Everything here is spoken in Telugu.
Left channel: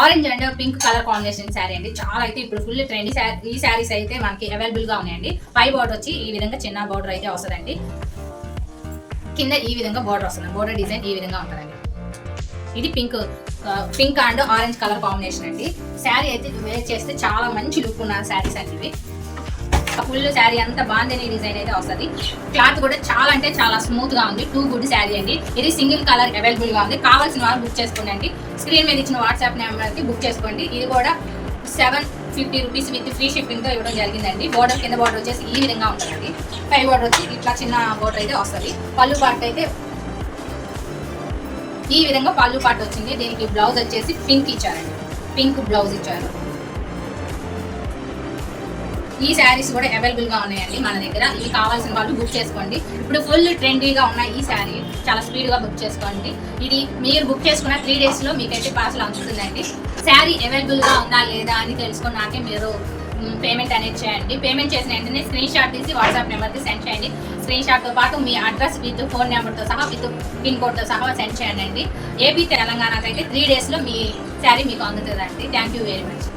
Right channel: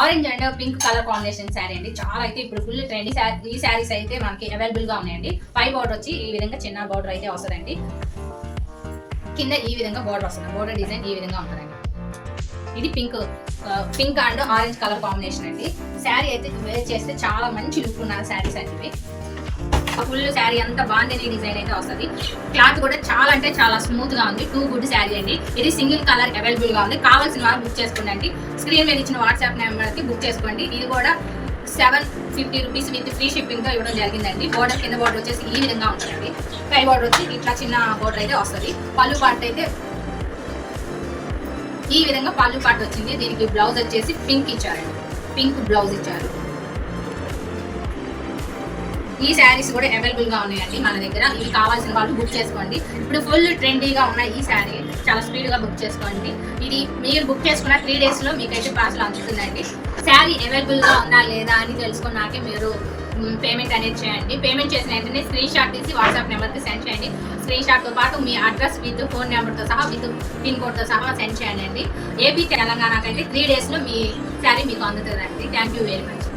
Orange and pink colour combination sari అండి. చాలా అయితే ఇప్పుడు ఫుల్ ట్రెండ్ ఈ శారీస్ అయితే మనకి అవైలబుల్ గా ఉన్నాయండి. పై బోర్డర్ వచ్చి ఈ విధంగా చిన్న బోర్డర్ అయితే వస్తుందండి. కింద ఈ విధంగా బోర్డర్ వస్తుంది. బోర్డర్ డిజైన్ ఈ విధంగా ఉంటుందండి. ఇది pink and orange colour combination అండి. శారీ అయితే వేర్ చేస్తే చాలా మంచి లుక్ ఉన్న శారీస్ అండి. ఫుల్ శారీ అంతా బాందిని డిజైన్ అయితే వస్తుంది. క్లాత్ కూడా చాలా అంటే చాలా స్మూత్ గా ఉంది. 2 గుడ్ శారీ అండి. ఇది సింగిల్ కలర్ అవైలబుల్ గా ఉంది. కావాల్సిన వాళ్ళు బుక్ చేసుకోండి. స్క్రీన్ మీద ఇచ్చిన వాట్సాప్ నెంబర్ కి బుక్ చేసుకోండి. ఇది కూడా 750 రూపీస్ విత్ ఫ్రీ షిప్పింగ్ తో ఇవ్వడం జరిగిందండి. బోర్డర్ కింద బోర్డర్ వచ్చేసి ఈ విధంగా ఉంటుందండి. పై బోర్డర్ వచ్చి ఇట్లా చిన్న బోర్డర్ అయితే వస్తుంది. పళ్ళు పార్ట్ అయితే ఈ విధంగా పళ్ళు పార్ట్ వచ్చింది. దీనికి బ్లౌజ్ వచ్చేసి పింక్ ఇచ్చారండి. పింక్ బ్లౌజ్ ఇచ్చారు. ఈ శారీస్ కూడా అవైలబుల్ గా ఉన్నాయండి మన దగ్గర. ఇవి కావాల్సిన వాళ్ళు బుక్ చేసుకోండి. ఇప్పుడు ఫుల్ ట్రెండీగా ఉన్న ఈ శారీ చాలా స్పీడ్ గా బుక్ చేసుకోండి. ఇది మీరు బుక్ చేసుకున్న 3 days లో మీకైతే పార్సల్ అందుతుందండి. శారీ అవైలబుల్ గా ఉందా లేదా అని తెలుసుకున్నాకే మీరు పేమెంట్ అనేది చేయండి. పేమెంట్ చేసిన వెంటనే స్క్రీన్ షాట్ తీసి వాట్సాప్ నెంబర్కి సెండ్ చేయండి. స్క్రీన్ షాట్ తో పాటు మీ అడ్రస్ విత్ ఫోన్ నెంబర్తో సహా విత్ పిన్ కోడ్తో సహా సెండ్ చేయండి. ఏపీ తెలంగాణకైతే 3 days లో మీ శారీ మీకు అందుతుందండి. Thank you very much.